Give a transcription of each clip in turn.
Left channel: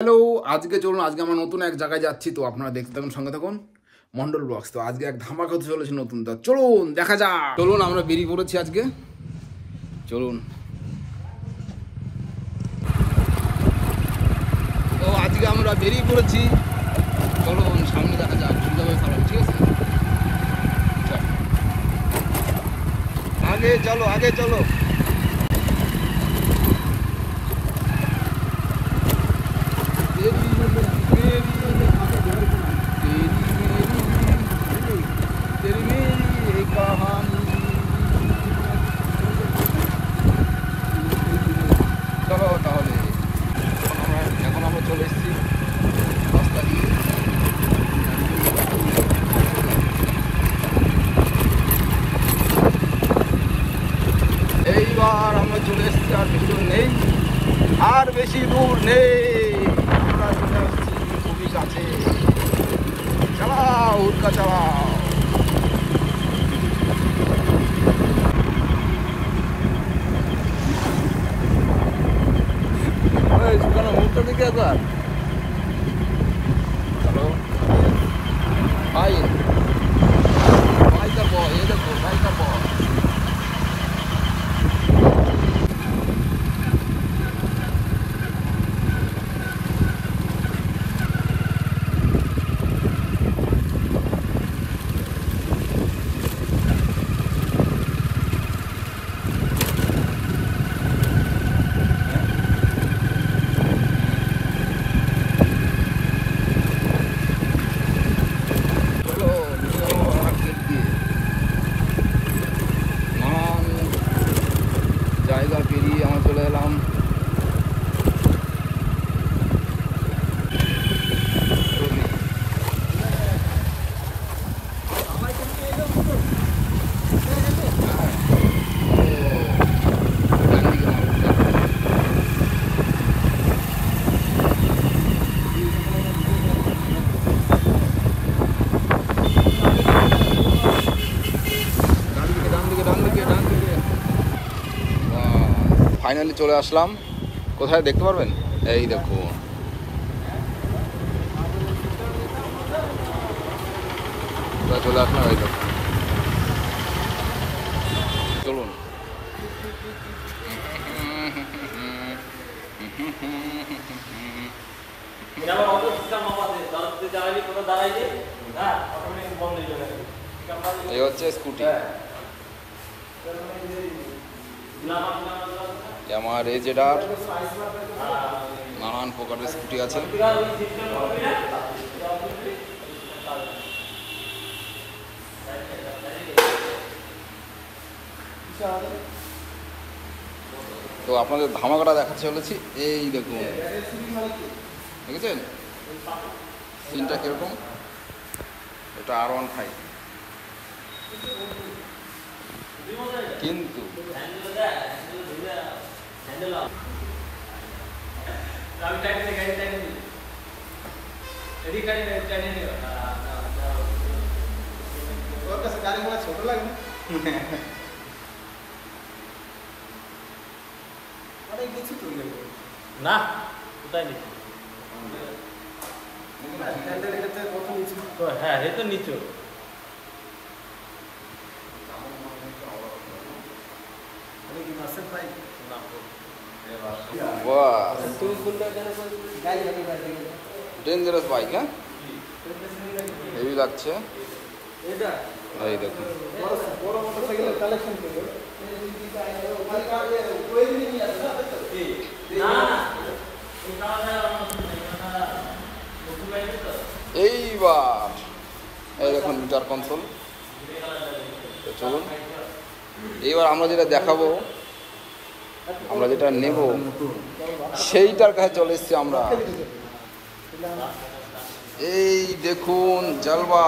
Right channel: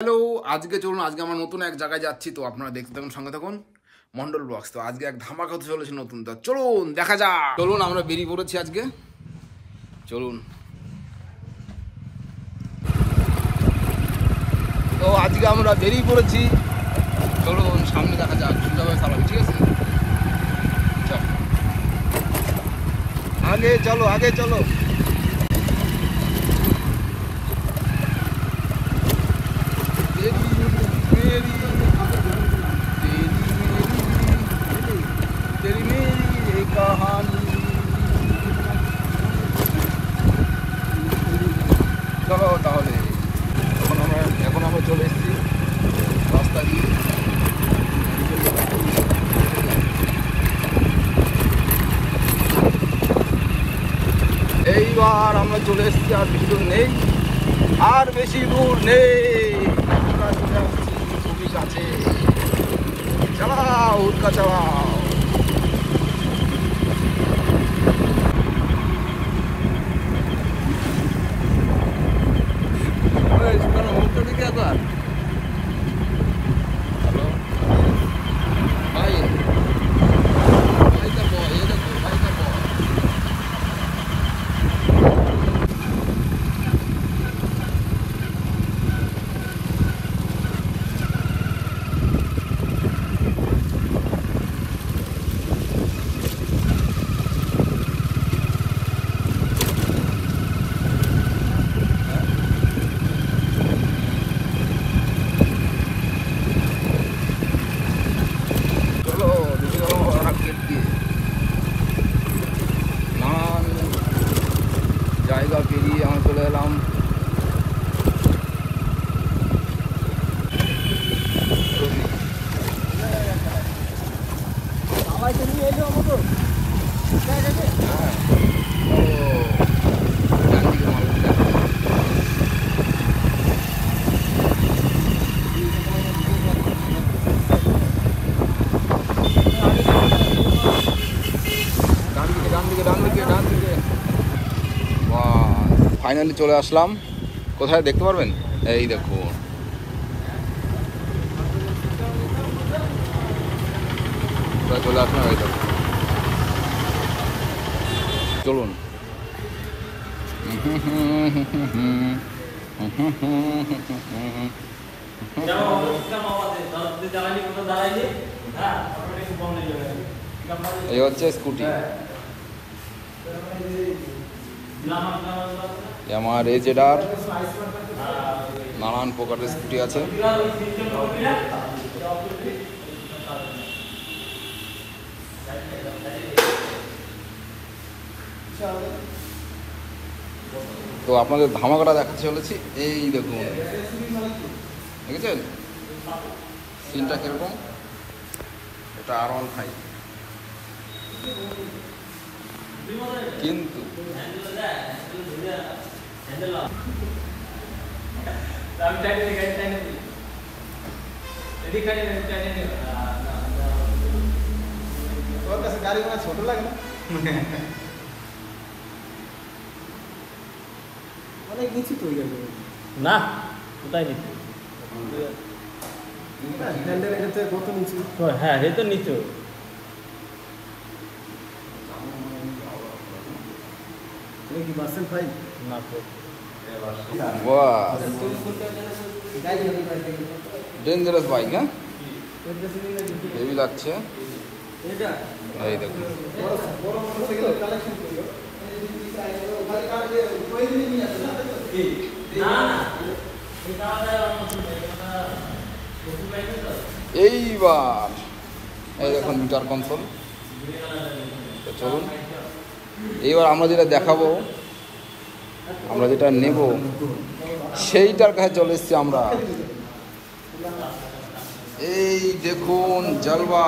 Hello, আজকে চলুন আজকে আমরা নতুন এক জায়গায় যাচ্ছি। তো আপনারা দেখতে থাকুন, সঙ্গে থাকুন মন্ডল ব্লগস। তো আজকে এক ধামাকা হতে চলেছে নতুন। তো চলুন দেখা যাক। চলুন আমরা বেরিয়ে পড়েছি আজকে, চলুন। তো আজকে আমরা বেরিয়ে পড়েছি, চলুন সামনে দেখা যাক। সুন্দরভাবে চালাবি, ঠিক আছে? আগে চলো, আগে চলো। এইবার আমরা চলে এসেছি, আর বেশি দূর নেই, আর বেশি দূর নেই, আমরা চলে আসছি খুবই কাছে। চালাও উৎকা চালাও। জায়গা পেরিয়ে আমরা চলে এলাম ফাইনালি চলে আসলাম। কোথায় দেখতে পারবেন? এই দেখুন, চলে আসলাম। এই দেখুন, চলুন। এই হচ্ছে স্কুটি, আমার এজেডার নানান প্রকারের স্কুটি আছে। তো আপনাদের ধামাকাটা দেখাতে চলেছি। এই দেখুন, দেখেছেন সিনটা কিরকম? এটা R15, কিন্তু না হ্যাঁ রেতে নিচু ডেঞ্জারাস বাইক। হ্যাঁ, হেভি লাগছে। এই দেখুন, এইবার এই দেখুন মিটার কনসোল। তো চলুন, এইবার আমরা যেটা দেখাবো, আমরা যেটা নেব, সেইটার কাছে চলে এসেছি আমরা। এই দেখুন জালবা,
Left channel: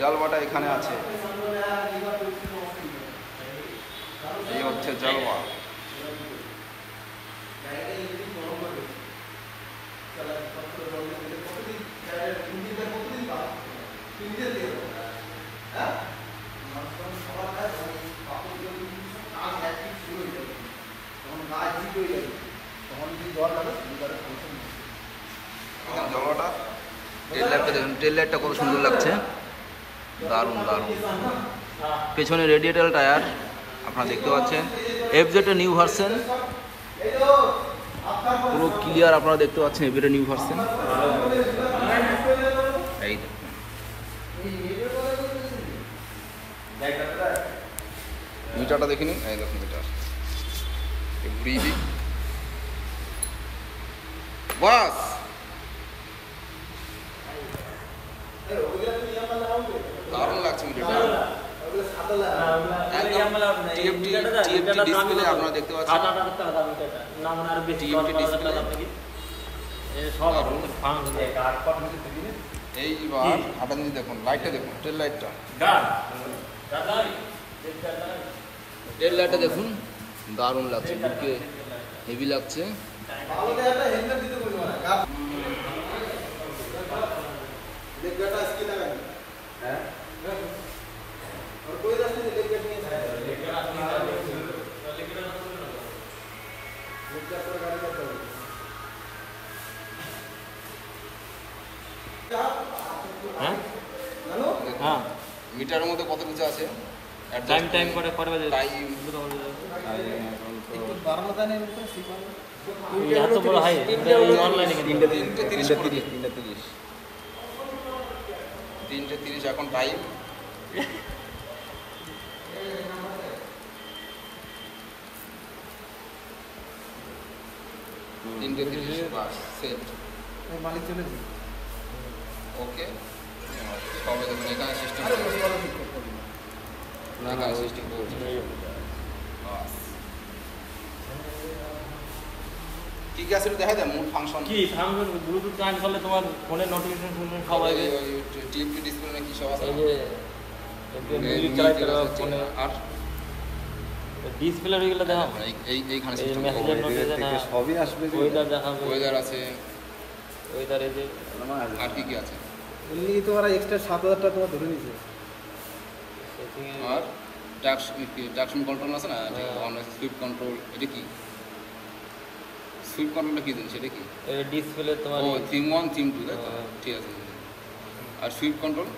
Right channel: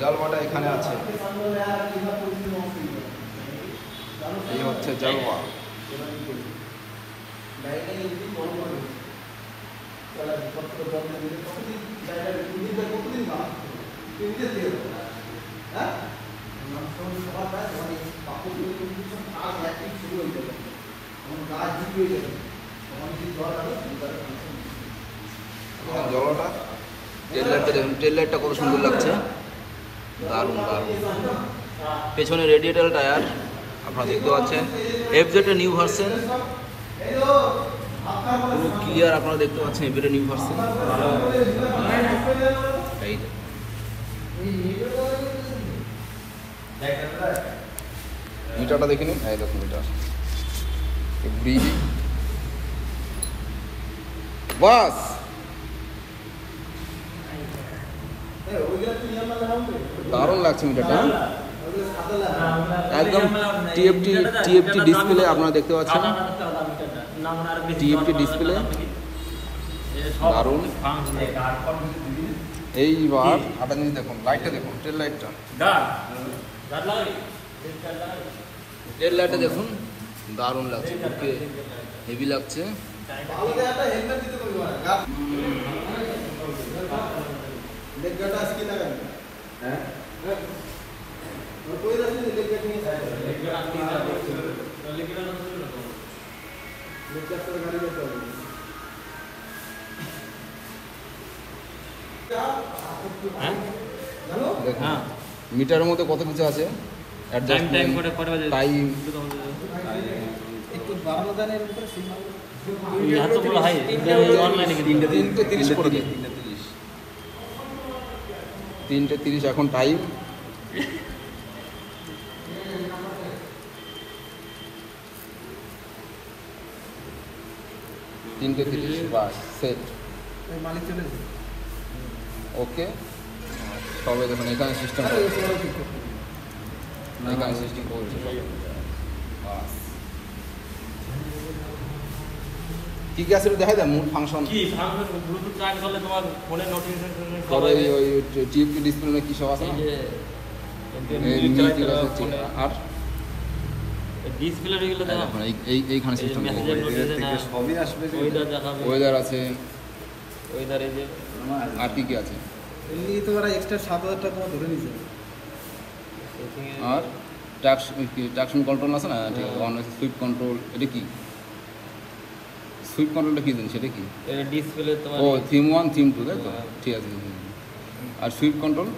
জালবাটা এখানে আছে। এই হচ্ছে জালবা। জলটা টেল লাইটটা দেখুন, টেল লাইটটা কত সুন্দর লাগছে, দারুণ দারুণ। পেছনে রেডিয়েটার টায়ার আপনারা দেখতে পাচ্ছেন, এফজেডের নিউ ভার্সন, পুরো ক্লিয়ার আপনারা দেখতে পাচ্ছেন এফজেডের নিউ ভার্সন। এই মিটারটা দেখে নিন, এই দেখুন মিটার বাস। দারুণ লাগছে মিটারটা, একদম টিএফটি ডিসপ্লে আপনারা দেখতে পাচ্ছেন, টিএফটি ডিসপ্লে দারুণ। এইবার আটা জিনিস দেখুন, লাইটটা দেখুন, টেল লাইটটা, টেল লাইটটা দেখুন, দারুণ লাগছে, বুকে হেভি লাগছে। দেখুন মিটারের মধ্যে কত কিছু আছে, টাইম, তিনটে 30 এখন টাইম, তিনটে 30 বাস সেট। ওকে সবে দেখুন এখানে সিস্টেম, এখানে সিস্টেম করছে। কি কি আছে দেখা যায় মোট ফাংশন, কি ফাংশন ব্লুটুথ কানেক্ট করলে তোমার ফোনে নোটিফিকেশন তবে ওই টিভি ডিসপ্লে কি সব আছে, আর ডিসপ্লে হয়ে গেলে এইখানে সিস্টেম সবই আসবে, ওয়েদার দেখাবে, ওয়েদার আছে, ওয়েদার এই যে আর কি কি আছে, এমনি তো ওরা এক্সট্রা 7,000 টাকা ধরে নিয়েছে। আর ট্রাকশন কন্ট্রোল আছে না, সুইপ কন্ট্রোল, এটা কি সুইপ কন্ট্রোলটা কি জিনিস, এটা কি ডিসপ্লে তোমার, ও থিম 1 থিম 2 তাই তো, ঠিক আছে। আর সুইপ কন্ট্রোল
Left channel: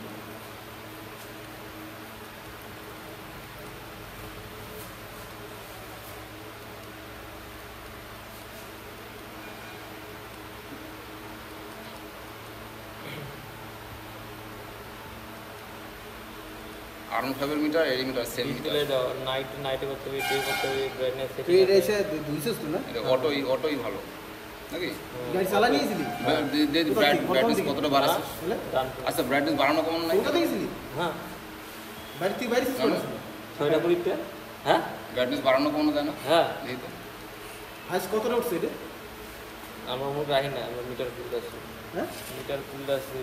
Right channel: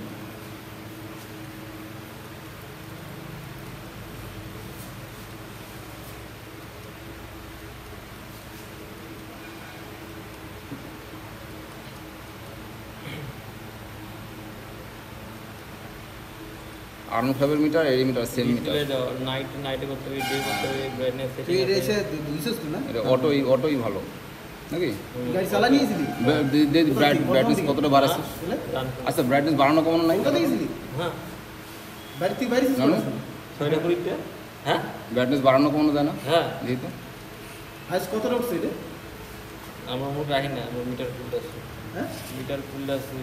আর্ন ফাইভের মিটার, এই মিটার সেম মিটার, নাইটে করতে হবে, ডে করতে হবে, ব্রাইটনেস তুই এটা এসে দিছিস না? এটা অটোই ভালো নাকি? গাড়ি চালা নিয়েছিলি? ব্রাইটনেস কতটা বাড়াচ্ছিস? আচ্ছা ব্রাইটনেস বাড়ানো কমানো নাই? কোথায় গেছিলি? হ্যাঁ বাড়ি তুই বাইরে জানো ছয়টা কুড়িটা, হ্যাঁ ব্রাইটনেস বাড়ানো কমানো যায় না? হ্যাঁ দেখি তো হাইস কত উঠছে এটা? আমার মোট রাখি না, আমার মিটার ফুলটা আছে, হ্যাঁ মিটার ফুলটা আছে,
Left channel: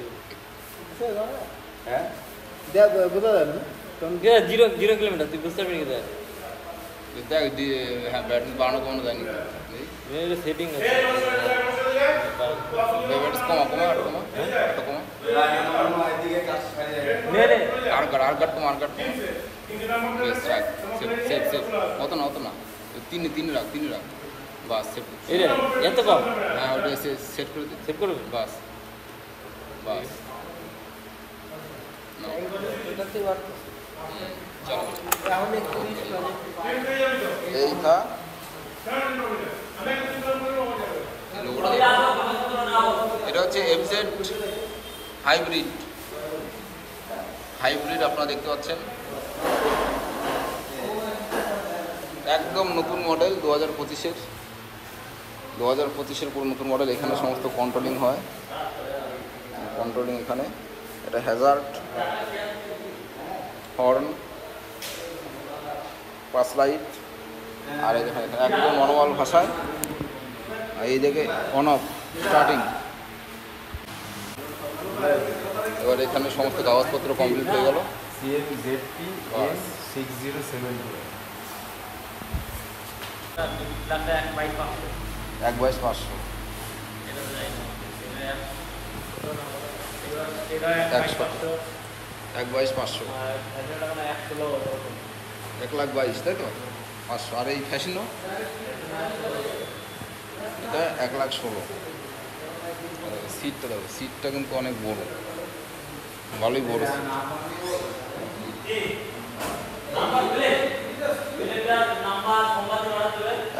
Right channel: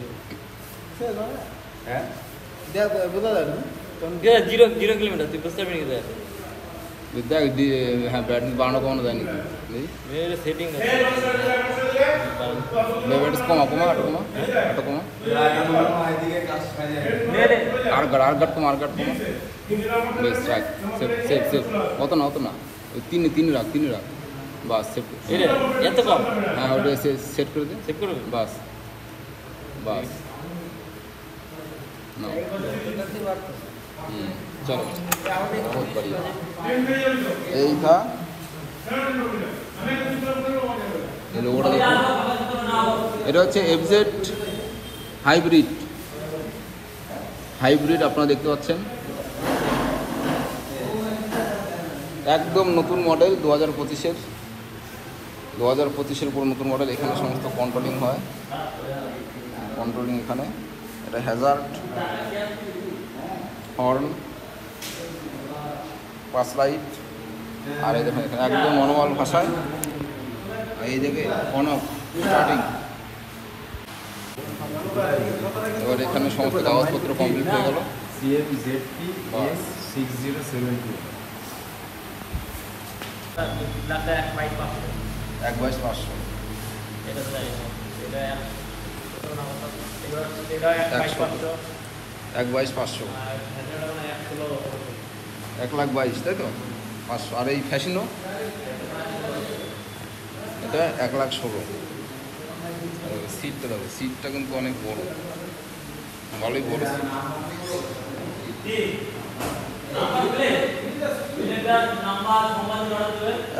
হ্যাঁ দেখ বোঝা যায় না, কারণ যে 0 কিলোমিটার তুই বুঝতে পারবি না, দেখ হ্যাঁ ব্রাইটনেস বাড়ানো কমানো যায় নাকি দেখি, সেটিং আছে, ব্রাইটনেস কমা একটু কমা, আর গাট কমা বেশ রাখ, সেভ অত না ওই তিন রাখ বাস সেভ, এত কম, হ্যাঁ ওটা সেট করে দে, সেট করবে, বাস নাও চল এই থা এই লোগোটা দেখুন, এটা হচ্ছে এফজেড হাইব্রিড আপনারা দেখতে পাচ্ছেন, একদম নতুন মডেল 2025-এর পুরো নতুন মডেল। এখানে সমস্ত কন্ট্রোলিং হয়, এখানে এটা হ্যাজার্ড, হর্ন, পাস লাইট, আর এই দেখুন এখানে একদম নর্মাল ভাষায়, এই দিকে অন অফ স্টার্টিং। এবার এখানে সমস্ত কাগজপত্র কমপ্লিট হয়ে গেল, বাস। 6072 1/500 1/500 1,22,000 তাই তো 500। আর এই ফ্যাশিনো এটা 1,16,000। সিটটা দেখো, সিটটা কিন্তু অনেক বড়, ভালোই বড় সিট।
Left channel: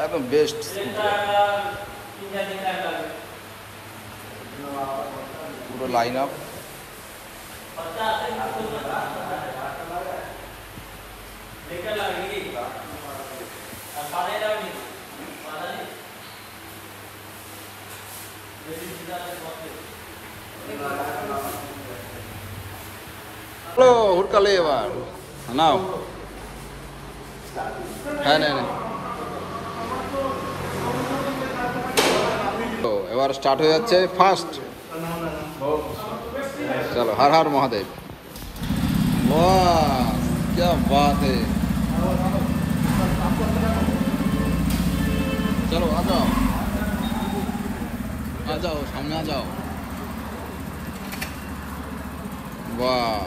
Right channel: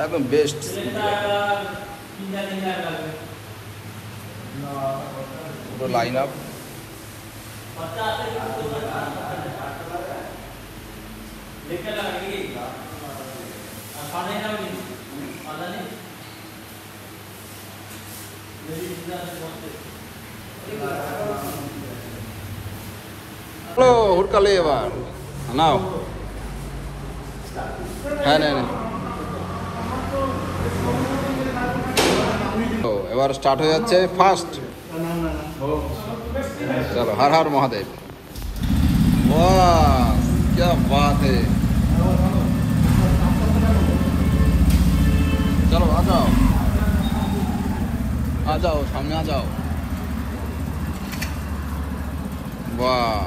একদম বেস্ট। পুরো লাইন আপ। হ্যালো, হুড়কালে এবার নাও। হ্যাঁ নেই তো এবার স্টার্ট হয়ে যাচ্ছে ফার্স্ট। চলো, হর হর মহাদেব। वाह क्या बात है। चलो आ जाओ सामने आ जाओ। वाह,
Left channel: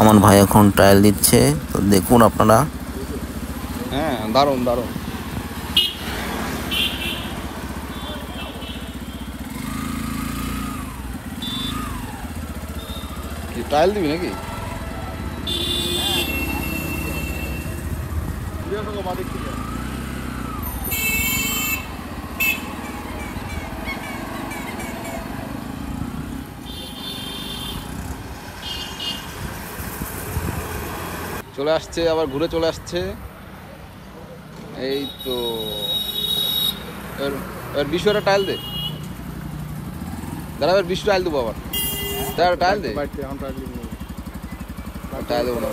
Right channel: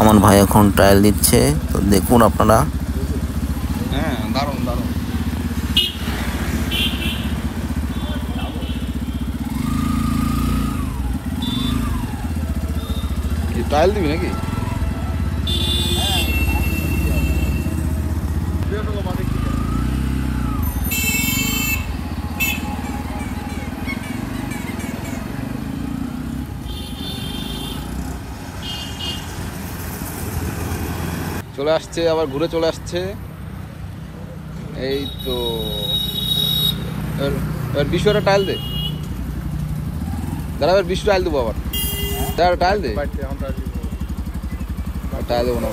আমার ভাই এখন ট্রায়াল দিচ্ছে, তো দেখুন আপনারা। হ্যাঁ দারুণ দারুণ। ট্রায়াল দিবি নাকি? চলে আসছে, আবার ঘুরে চলে আসছে। এই তো এবার বিশ্ব একটা টাইল দে দাদা, এবার বিশ্ব টাইল দেবো আবার। দাদা টাইল দে, টাইল দেবো না।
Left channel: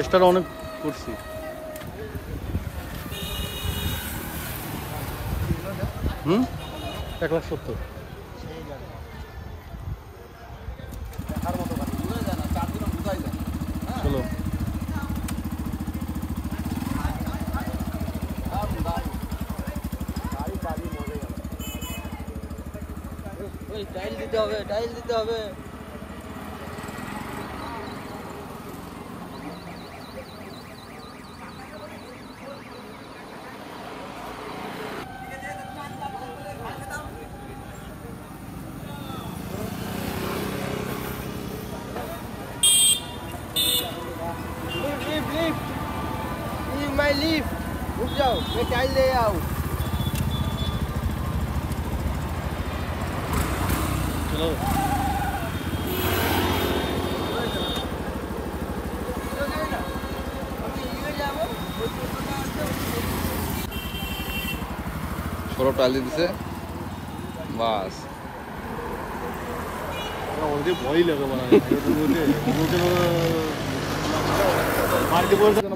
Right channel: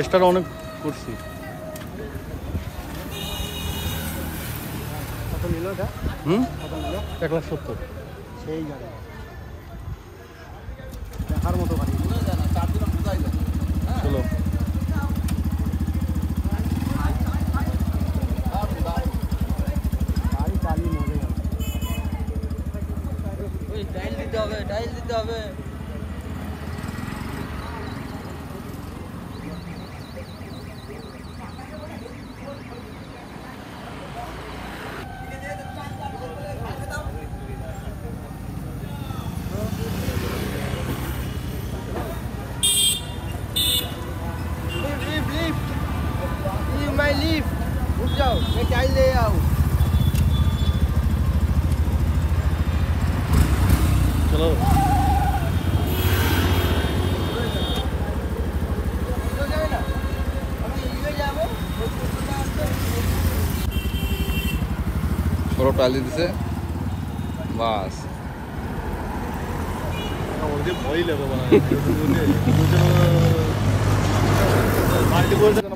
এক্সট্রা অনেক করছি। হুম, 1,70,000। চলো টাইল দিতে হবে, টাইল দিতে হবে। चलो বড় টাইল দিতেছে বাস।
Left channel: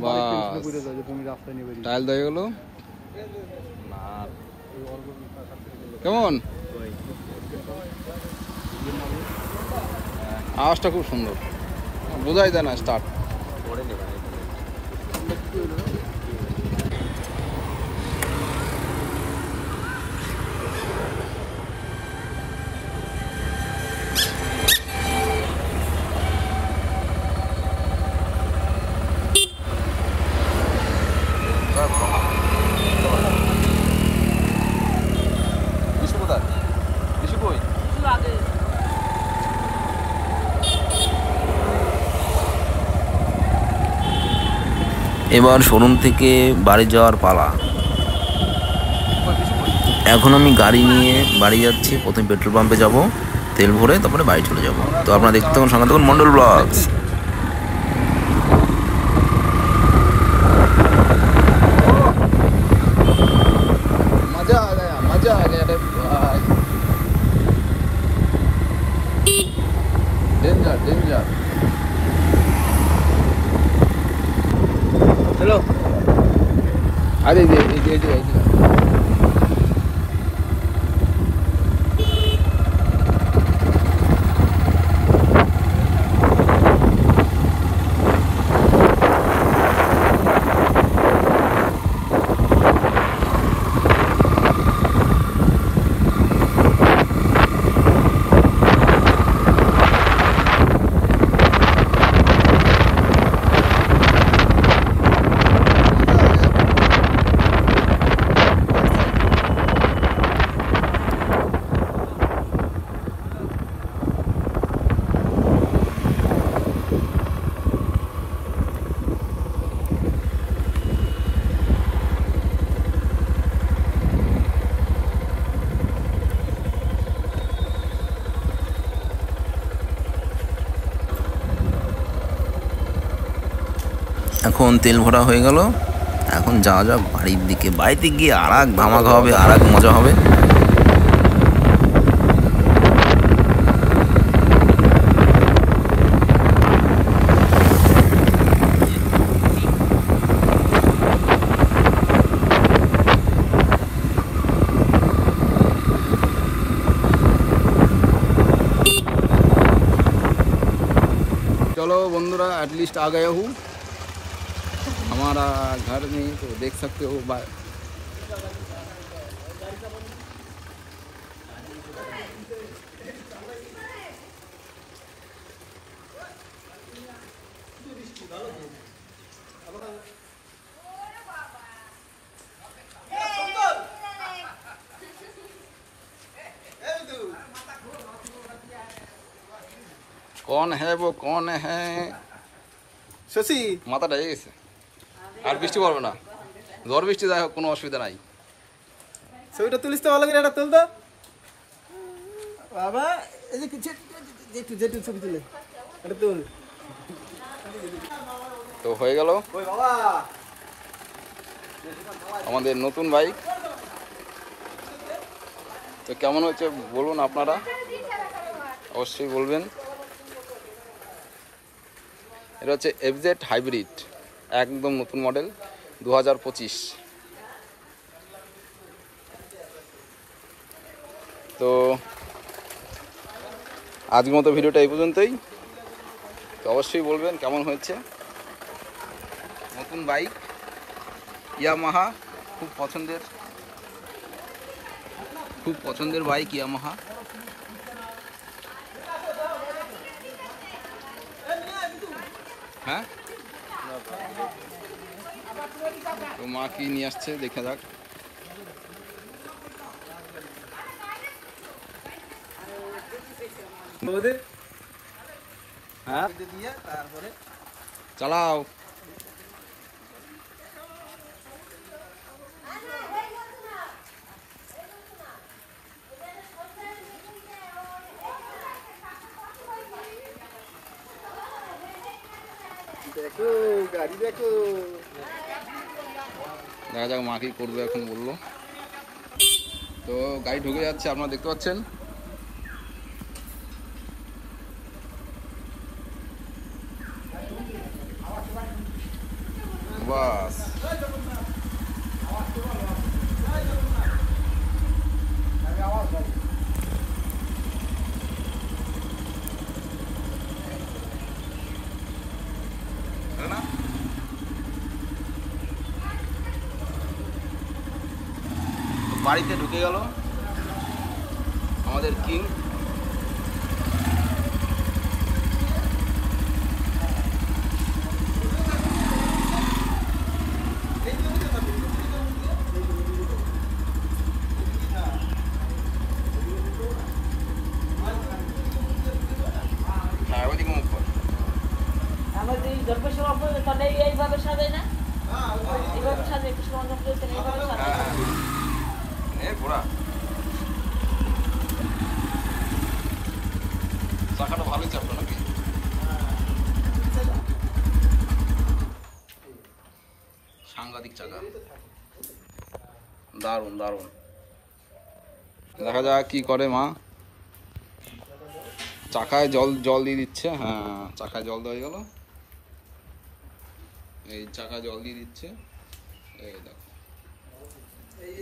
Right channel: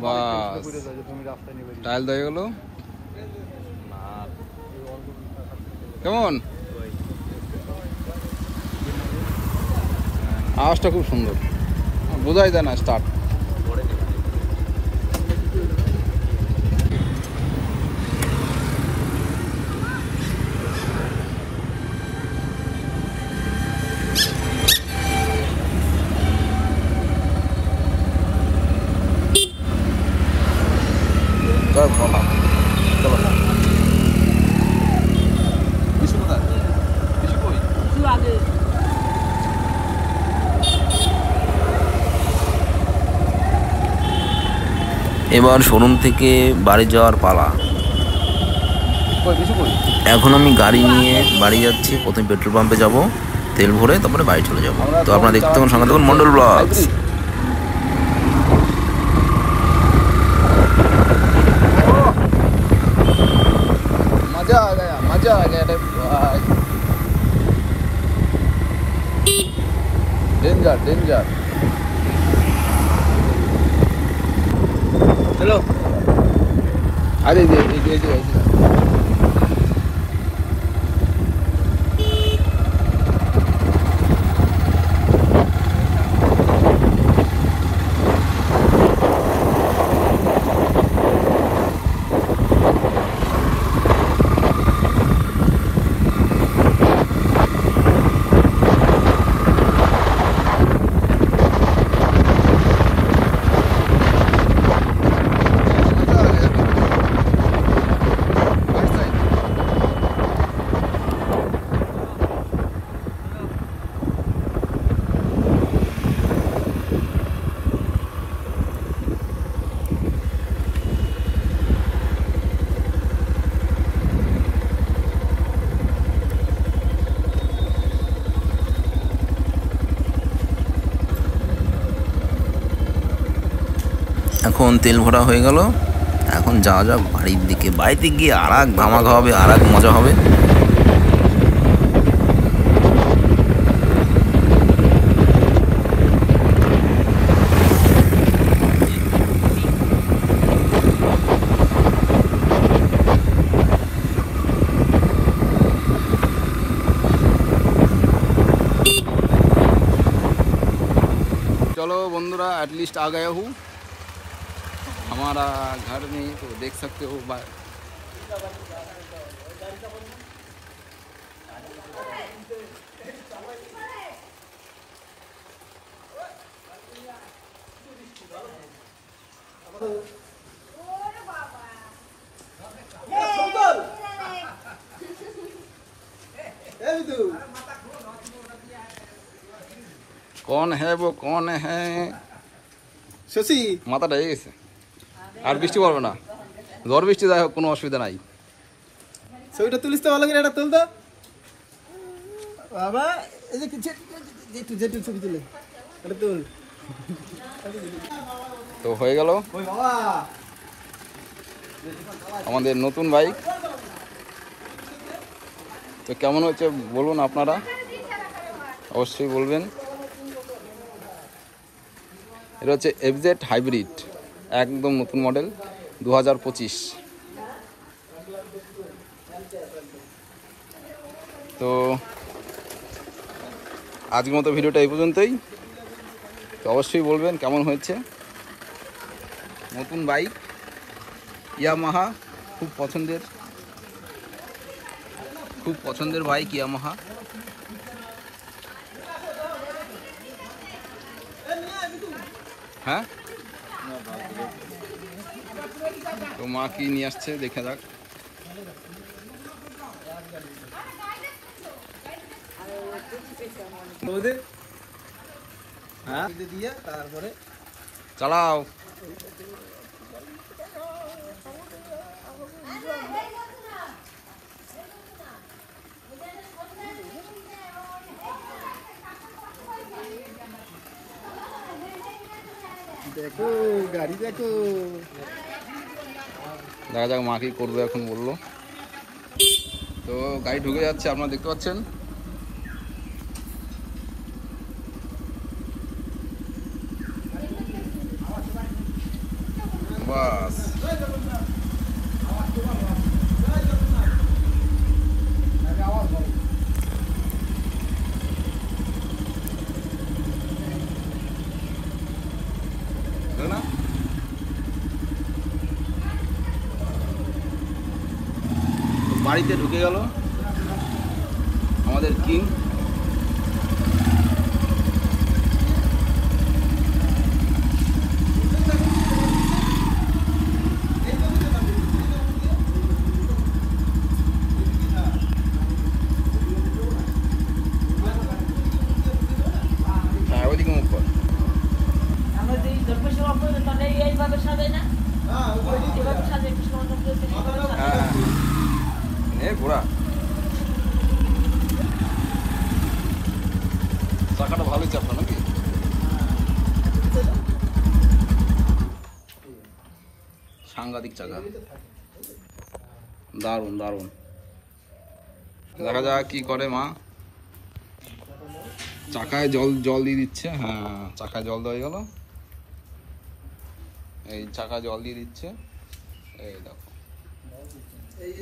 বাস টাইল দিয়ে গেল। কেমন আওয়াজটা? খুব সুন্দর, বোঝাই যায় না। স্টার্ট এবার শোরুম থেকে বাড়ি যাওয়ার পালা। এখন আমি গাড়ি নিয়ে বাড়ি যাচ্ছি। প্রথমে পেট্রোল পাম্পে যাব, তেল ভরে তারপরে বাড়ি চলে যাব। তো আপনারা দেখতে থাকুন, সঙ্গে থাকুন মন্ডল ব্লগস। मजा आ गया रे भाई। Danger danger. चलो আরে এই যে এই যে এখন তেল ভরা হয়ে গেল, এখন যাওয়া যাক বাড়ির দিকে। বাড়িতে গিয়ে আর এক ধামাকা হবে, আর এক মজা হবে। चलो बंधुरा एटलीस्ट आ गया हूँ हमारा घर में, तो देख सकते हो कौन है वो कौन है শশী মাথাটা হয়ে গেছে। আর বৃষ্টি পড়বে না, ঝড় বৃষ্টি যাই হোক কোনো অসুবিধা নাই। ছবিটা তুলিস তো ভালো করে, এটা তুল তো বাবা। এই যে যেটু যেটু ছবি তুলে এটা তুল। তো হয়ে গেল ওই বাবা আমাদের নতুন বাইক। তো কেমন হচ্ছে বলুন আপনারা, অবশ্যই বলবেন। এটা হচ্ছে এফজেড হাইব্রিড, একদম নতুন মডেল 2025। তো আজকের মতো ভিডিওটা এই পর্যন্তই। তো অবশ্যই বলবেন কেমন হয়েছে। নতুন বাইক ইয়ামাহা, খুব পছন্দের বাইক ইয়ামাহা। হ্যাঁ, তো মা কি নিয়ে আসছে দেখা যাক। হ্যাঁ দিয়ে তারপরে চালাও। দেখো গাড়ি দেখো। দেখা যাক মা কি করবে এখন বললো। তো গাড়ি ঢুকে যাচ্ছে, আপনারা দেখতে পাচ্ছেন। বাস না, বাড়িতে ঢুকে গেল আমাদের কিং। হ্যাঁ, ওইদিকে মুখ কর। হ্যাঁ হ্যাঁ, ঘোড়া চাকাটা ভালোই চাপটা নাকি। সাংঘাতিক চাকা, দারুণ দারুণ। দেখা যাক কি করে মা। চাকায় জল দিয়ে দিচ্ছে। হ্যাঁ, চাকায় জল দেওয়া গেল। এই চাকা জল দিয়ে দিচ্ছে, এই দেখো।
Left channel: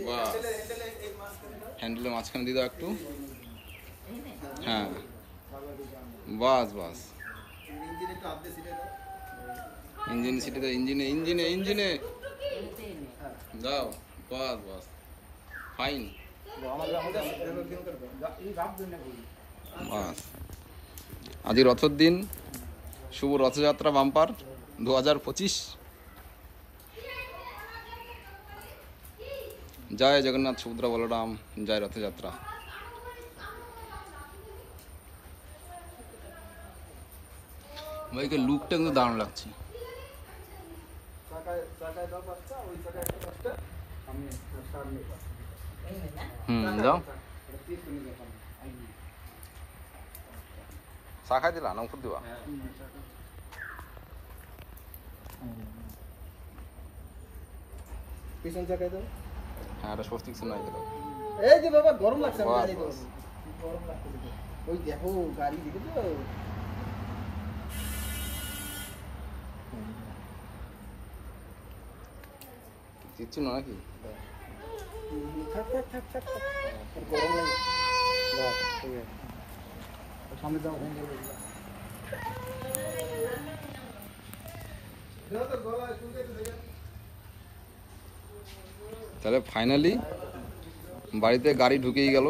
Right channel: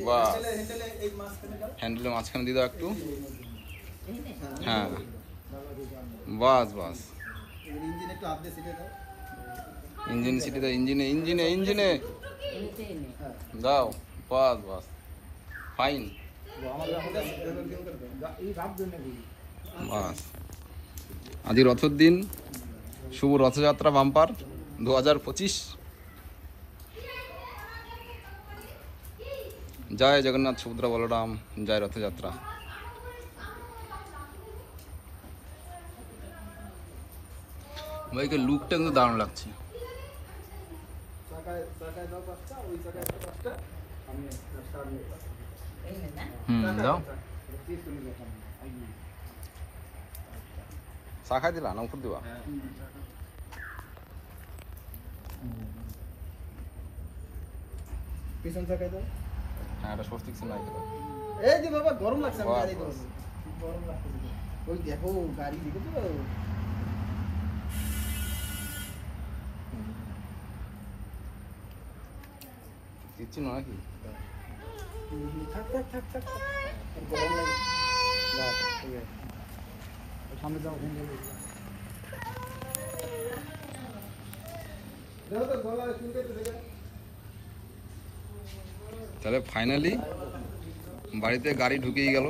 বাহ, হ্যান্ডেলের মাঝখানে দিয়ে দাও একটু। হ্যাঁ, বাস বাস। ইঞ্জিন একটু হাত দিয়ে সিটে দাও। ইঞ্জিন সিটি দাও, ইঞ্জিনে ইঞ্জিনে ইঞ্জিনে দাও। বাস বাস, ফাইন। বাস, আজ রথের দিন, শুভ রথযাত্রা বাম্পার 2025। জয় জগন্নাথ সুভদ্রা বলরাম, জয় রথযাত্রা। ভাইকে লুকটা কিন্তু দারুণ লাগছে। দাও, চা খাই দিলা না ওষুধ দিবা? পিছন চাকায় দাও। হ্যাঁ, এটা স্বস্তিক শোনাই দিল। এই যে বাবা গরম লাগছে আমার গাড়ি তো। গরম লাগছে। ওই দেখো গাড়ি দিকে তো। কিচ্ছু না নাকি? থাক থাক থাক থাক। গরম লাগে। সামনে যাও, ভেঙে যাবে। দাও তো গলা শুনতে তো দেখা। তাহলে ফাইনালি বাড়িতে গাড়ি ঢুকেই গেল।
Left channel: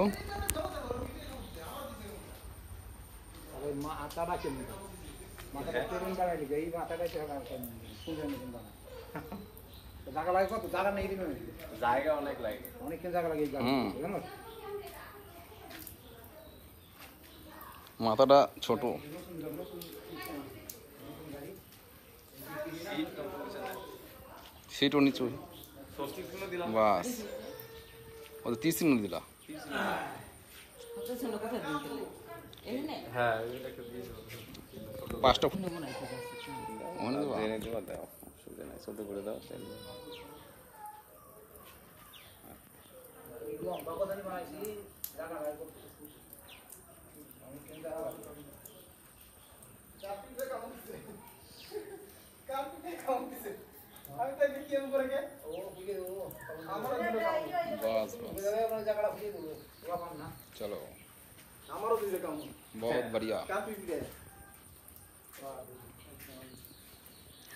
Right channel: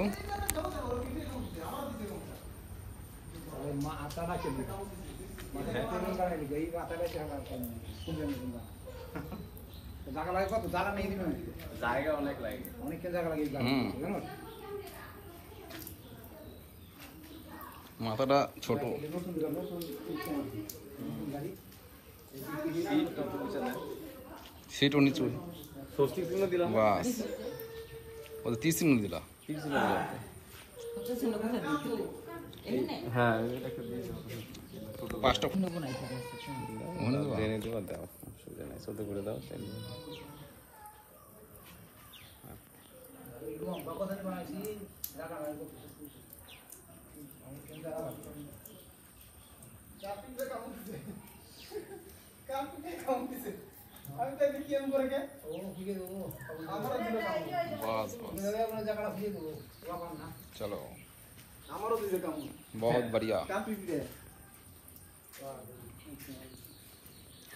মাথাটা কে দিল? মাথাটা তেমন গাড়ি গই, মাথাটা কে লাগাও? শুনতে না। তো জায়গা লাগে কত? জায়গা নেই দিন। জায়গা অনেক লাগে। অনেক জায়গা লাগে এই গাড়ি। জানো? মাথাটা ছোট। সিটও নিচু। বাস, ও তো 30 মিনিট দিলা। পাঁচটা ওখানে দেবা? बस बस, चलो बहुत बढ़िया,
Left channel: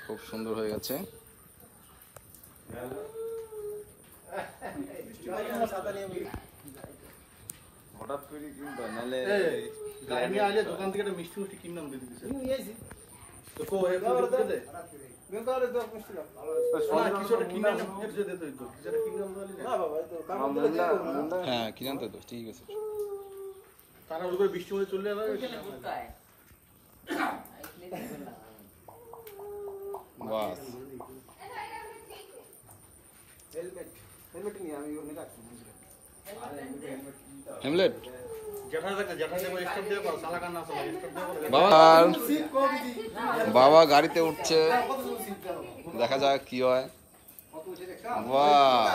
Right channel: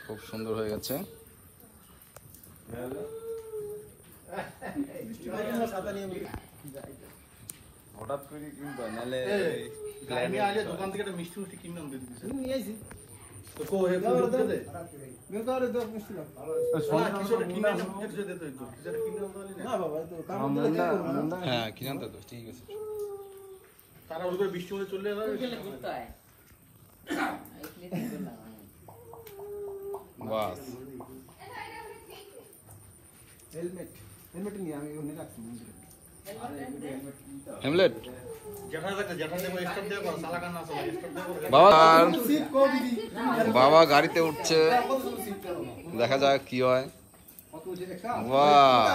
খুব সুন্দর হয়ে গেছে। দোকান থেকে মিষ্টি মিষ্টি কিনলাম হ্যাঁ, কি জানতো তো, ঠিক আছে। তারা বৃষ্টি হয়ে চলে যাবে। বাস, হেলমেট হেলমেট নিয়ে আমি ওখানে রাখছি। হেমলেট বাবা গাড়িতে উঠছে, দেখা যাক কি হয়। বাহ,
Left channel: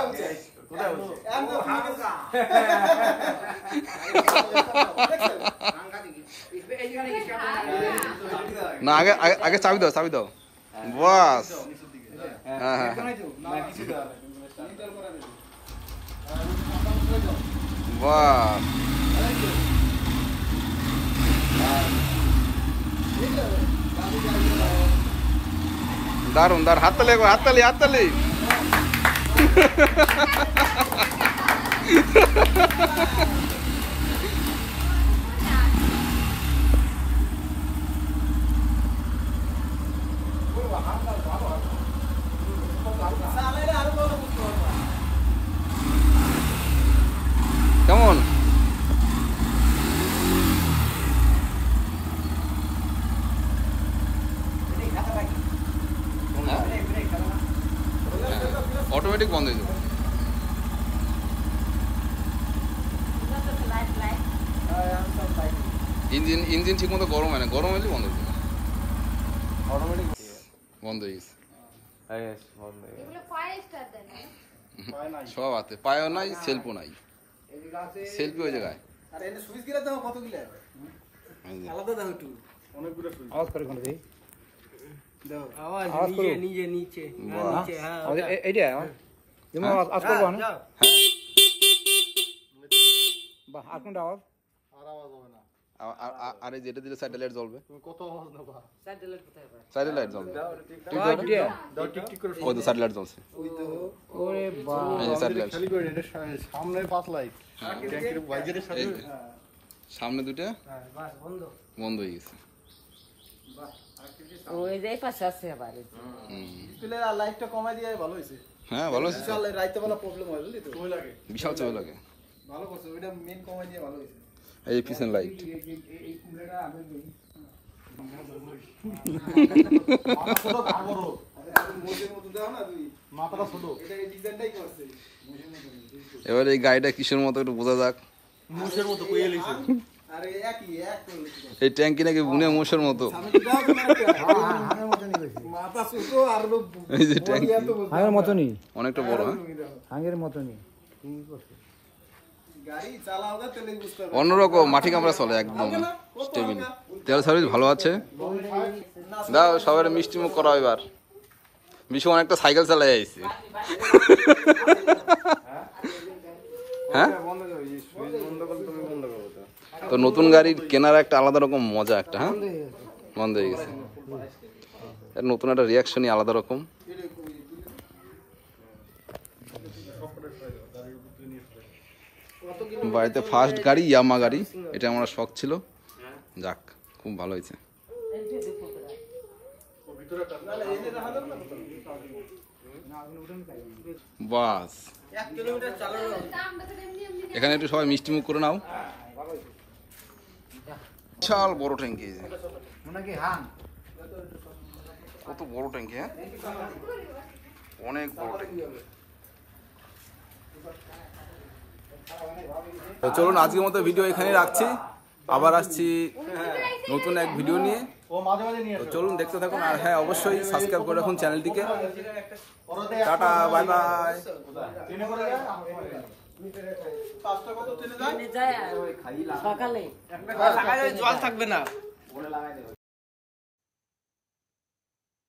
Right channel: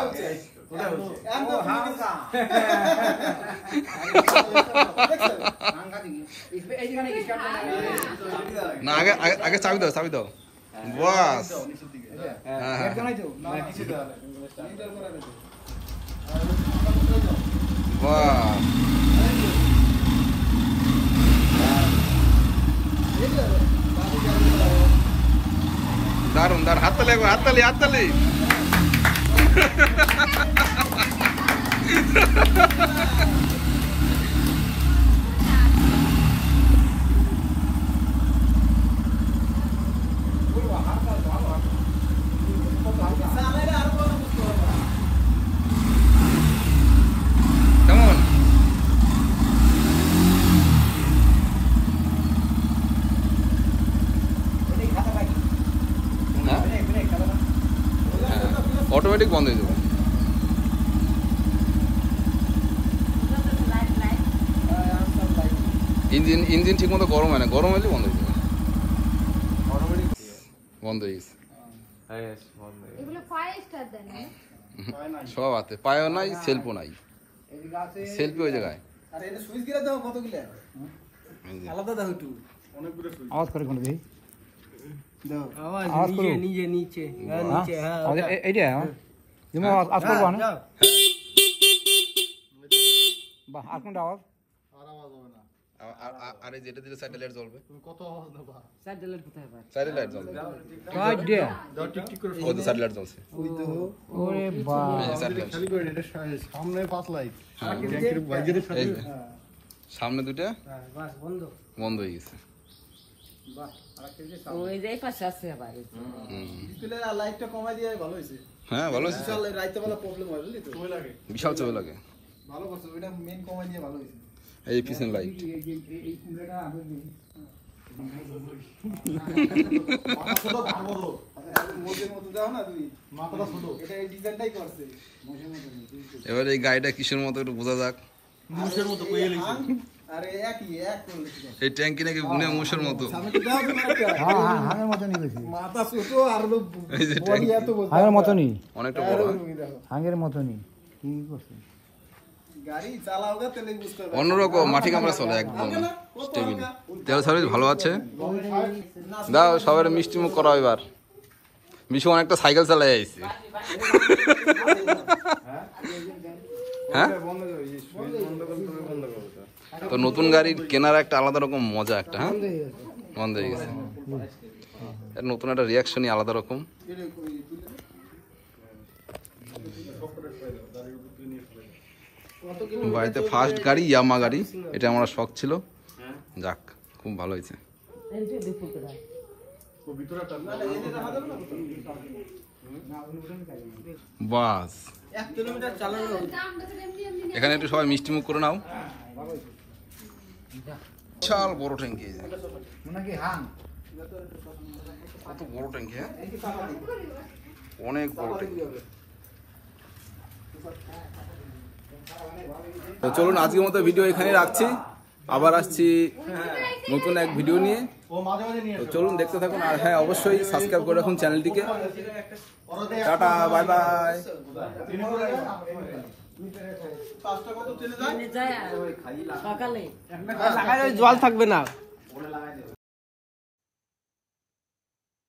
না আগে আগে চাবি দাও, চাবি দাও। বাস, হ্যাঁ হ্যাঁ, বাহ, দারুন দারুন, হাততালি একবার, হাততালি হাততালি। কেমন? অটোমেটিক বন্ধ হয়ে যাবে। ইঞ্জিন ইঞ্জিন ঠিক মতো গরম হয় না, গরম হলে বন্ধ হয়ে যাবে। বন্ধ হয়ে গেছে সব হাতে, পায়েও নাই, সেলফও নাই, সেলফি ওই জায়গায়। আরে এটা সুইচ গিরা দাও কতগুলো? আলাদা দাও একটু, অনেকগুলো সুইচ। আওয়াজ করে কোন দেখি দাও, আওয়াজ নিচে নিচে নিচে, হ্যাঁ নিচে, হ্যাঁ ওটা এইটা। আরে যেটা দিলে সাইড লাইট জ্বলবে, কত সাইড লাইট জ্বলবে, ওই তো সাইড লাইট জ্বলছে, সাইড লাইট সামনে 5 লাইট, এই যে সামনে দুটো বন্ধ হয়ে গেছে। লাইটটা কমাই দিয়ে ভালো হয়েছে। হ্যাঁ ভালো আছে, রাইতে বেলা প্রবলেম হয় বুঝলি তো, বিশাল চোখ লাগে। ভালো করছে, ওইটা মেন কমাই দিয়ে ভালো হয়েছে। এই যে কিচেন লাইট, এবার এই গাড়িটা কিসের মতো একটু বোঝা যাক। এই ট্যাঙ্কি নাকি বুনে মোষের মতো, অনেকটা বড়, অন্যরকম মাটি কামড়া চলে একদম টেবিল। তেল সার্ভিস ভালো আছে। দাও সবাই মিষ্টি মুখ করা এবার। বিশু অনেকটা সাইকেল চালাই আইছে। হ্যাঁ তো নতুন গাড়ির কেনার একটা আলাদা রকম মজা একটা। হ্যাঁ বন্ধ হয়ে গেছে, নতুন একটা রিয়াকশনই আলাদা রকম। বাড়িতে ফার্স্ট গাড়ি ইয়ামা গাড়ি, এটা আমার শখ ছিল, যাক খুব ভালো হয়েছে। বাস এখানে একটু সবাই মিষ্টি মুখ করে নাও। বিশাল বড় ট্যাঙ্কি, কত বড় ট্যাঙ্কি, হ্যাঁ অনেক বড় ট্যাঙ্কি। তো চলুন আজকের মতো ভিডিও এখানে রাখছি, আবার আসছি নতুন এক ভিডিও নিয়ে। তো চলুন দেখতে থাকুন, আর হ্যাঁ অবশ্যই সাবস্ক্রাইব করে রাখুন চ্যানেলটিকে। Tata, bye bye. সকালে জল থাকবে না।